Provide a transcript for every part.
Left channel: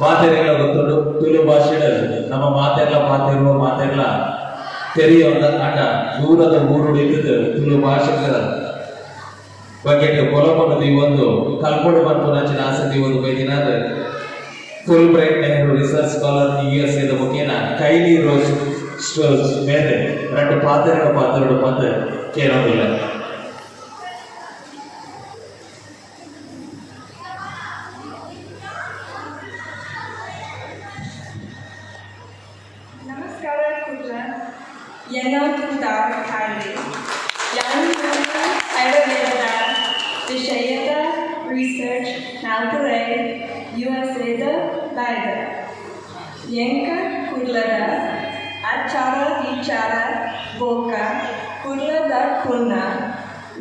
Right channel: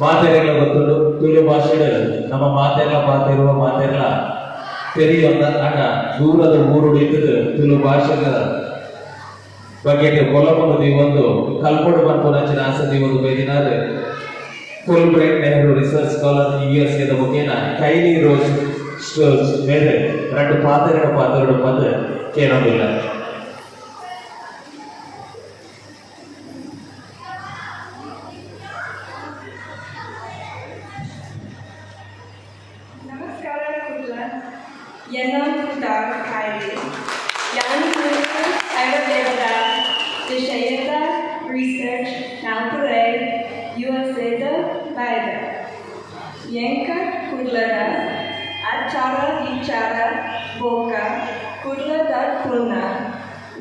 ಮಾತೆರೆಲ್ಲ ಗೊತ್ತುಂಡು ತುಳು ಭಾಷೆಡ್ ನಮ್ಮ ಮಾತೆರ್ಲ ತೆರೆಯೊಂದ ಆಟ ದೂರದ ಊರುಡಿದ್ದು ತುಳು ಭಾಷೆದ ಬಗ್ಗೆ ಕೊಲಕೊಂಡು ನೀವೊಂದು ಕಲ್ಪಡು ಮತ್ತು ರಚನೆ ಆಸಕ್ತಿ ಒಂದು ಬೈದಿನಾದ Fulbright Nehru research scholar USA ಮುಖೇನ ಕೈಲಿ ರೋಸ್ ಸ್ಟೋರ್ಸ್ ಮೇಲೆ ಎರಡು ಪಾತ್ರೆಗಳು ಬಂದು ಕೇಳೋದಿಲ್ಲ. ನಮಸ್ಕಾರ Kudla. Kudla Kaili. Yan Kudla Ayurveda ವಿಷಯದ ರಿಸರ್ಚ್ ನಾಲ್ಕರೇ USAದ ಬಾಯ್ದ ಎಂಕ ಕುಡ್ಲದ ಆಚಾರ ವಿಚಾರ ಬೋಕ ಕುಡ್ಲದ ಪುಣ್ಣ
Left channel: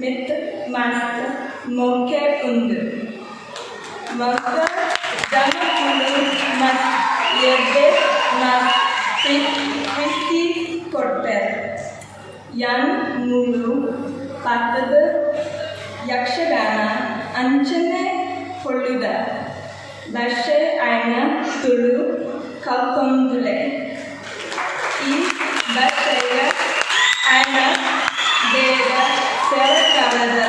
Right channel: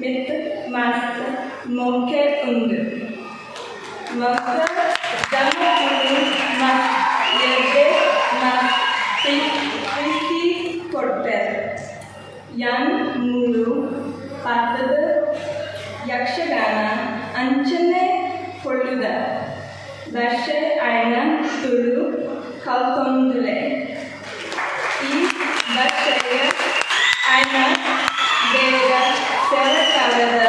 ಮಿತ್ ಮಸ್ತ್ ಮೊಕ್ಕೆ ಉಂಡು ಮಸ್ತ್ ಜಮ ಮಸ್ತ್ ಎರ್ಗೆ ಮಸ್ತ್ ಪ್ರೀತಿ ಕೊಡ್ತಾರೆ ಯಾನ್ ಮೂರು ಪಾತ್ರದ ಯಕ್ಷಗಾನ ಅಂಚನೆ ಕೊಳ್ಳುದ ಭಾಷೆ ಆಯ್ನ ತುಳು ಕಲ್ಕೊಂಡುಲೆ ಈ ಭಾಷೆಯ ಆಯ್ನ ಬೇಗ ಸರಕಾರದ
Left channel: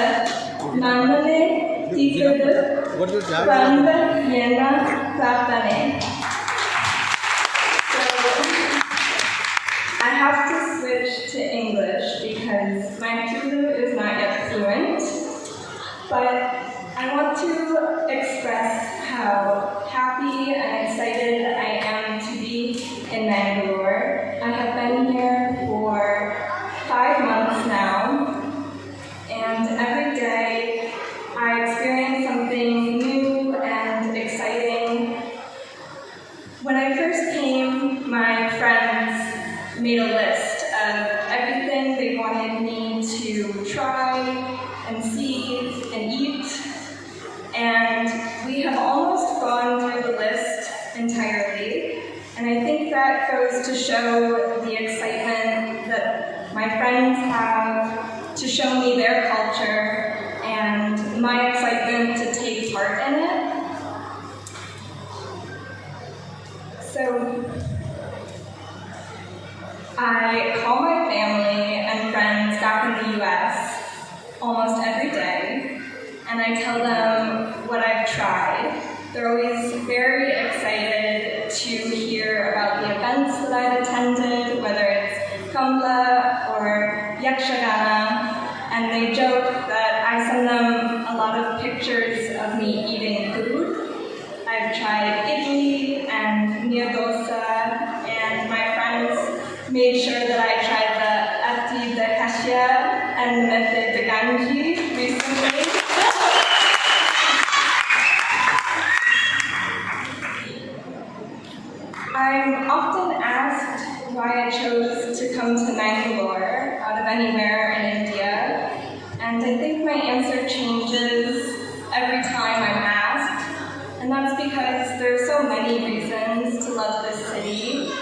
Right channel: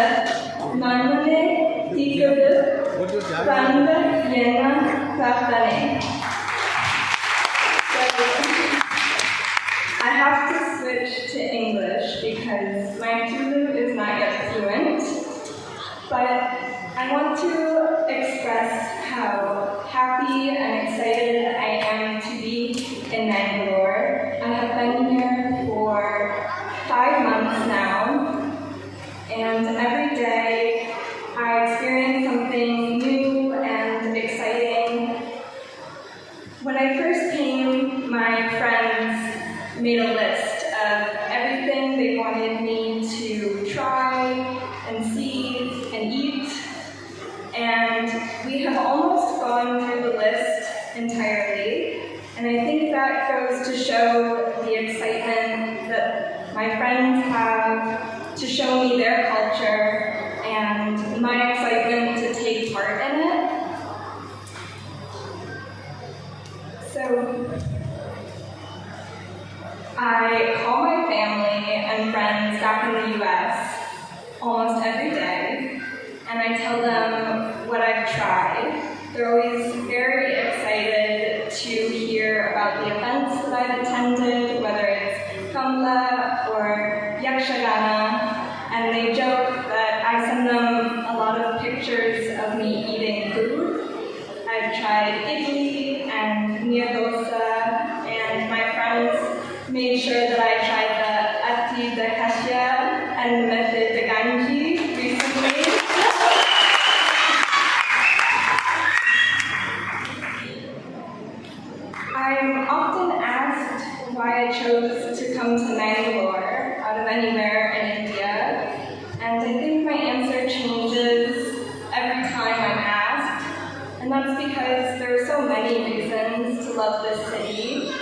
ನಮ್ಮನೆ ತೀವ್ರದ ಪ್ರಾಂತ ಎನ್ನ ಪ್ರಾರ್ಥನೆ. I have to switch to English because my Tulu is not yet fluent, but I want to express how happy and excited I am to be in Bangalore. I have been here for 5 months now, and every day I experience something new and exciting. When I first came, my friends made a list of everything they wanted me to try and see and eat, and we have almost gone through the list entirely, and I think that goes to show the excitement that my friends have to show me their culture and my excitement to take part in it. So I call my family and friends back in the US almost every day, and I tell them what I've tried. They're always very excited to hear about the events that I've attended, whether it's Kudla or Yakshagana, and they joke that I send them a lot of pictures of me eating food. I've tried idli and nyadosa, and my friends made sure that I tried the Aati and the Ganji recently. I'm often asked why I chose to come to Bangalore out of anywhere in India, and I think my answer changes every time I'm asked, and that's because there are so many reasons to love this city.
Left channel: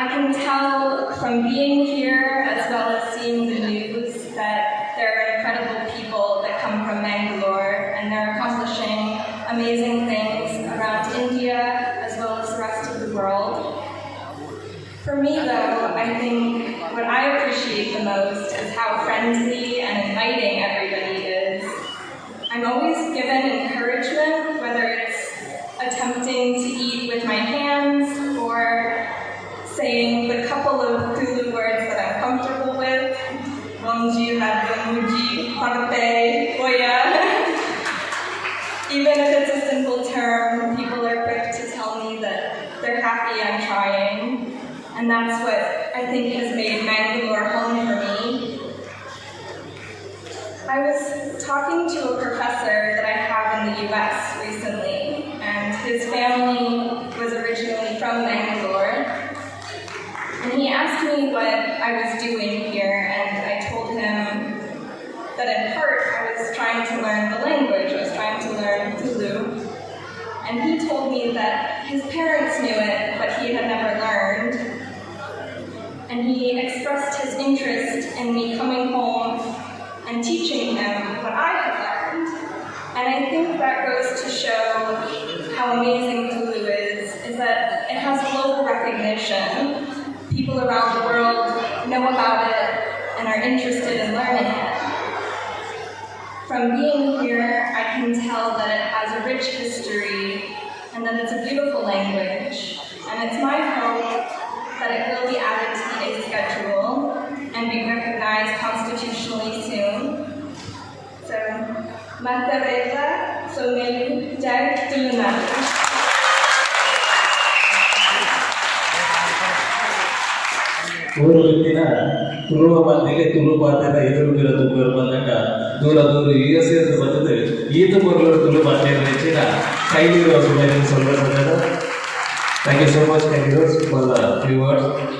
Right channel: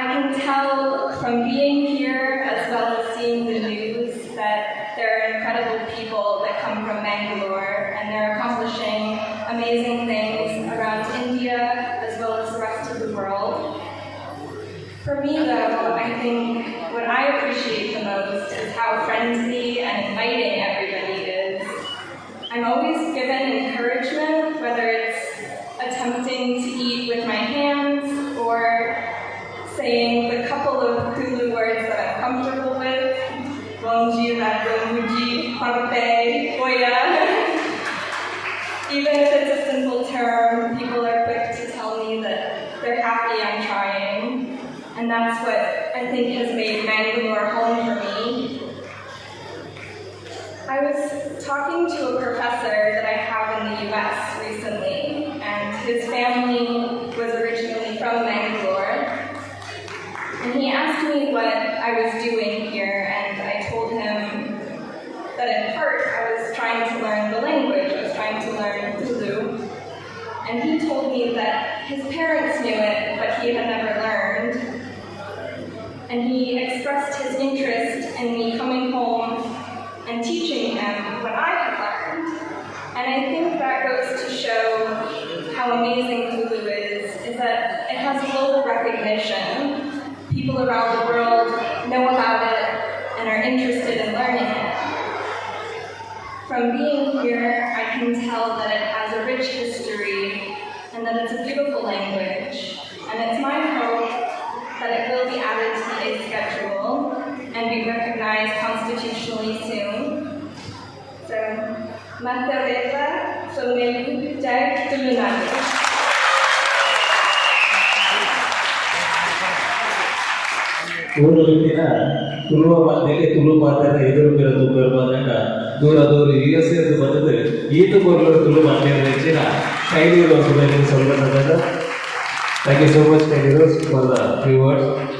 I can tell from being here as well as seeing the news that there are incredible people that come from Bangalore and they're accomplishing amazing things around India as well as the rest of the world. For me though, I think what I appreciate the most is how friendly and inviting everybody is. I'm always given encouragement, whether it's attempting to eat with my hands or saying the couple of Tulu words that I'm comfortable with, Bonji, Rado, Muji, Pagpe, Koya. Even if it's a simple term, people are quick to tell me that they're happy I'm trying. And that's what I think has made Bangalore home for me. I was talking to a professor that I have in the US recently, and his family was originally from Bangalore. And he asked me what I was doing here, and I told him that in part I was trying to learn the language, I was trying to learn Tulu. And he told me that his parents knew it, but he had never learned. And he expressed his interest in me coming home and teaching him what I had learned. And I think that goes to show how amazing here, I can tell that it has a rich history and that it's a beautiful language. And it's my hope that it will be added to today's schedule and be recognized constitutionally soon. So, Matareta, so maybe Jack Tulunad. ಊರಲ್ಲಿನ ತುಳುವ ಮಂದಿಗೆ ತುಳು ಮಾತನ್ನ ಎದುರು ಬಂದಾಗ ದೂರ USA ಬಂದது ஈத்து பொருள் துளு மாத்திரம் வச்சுனா கையில் சொல்லுறது. Thank you so much, for the viewers.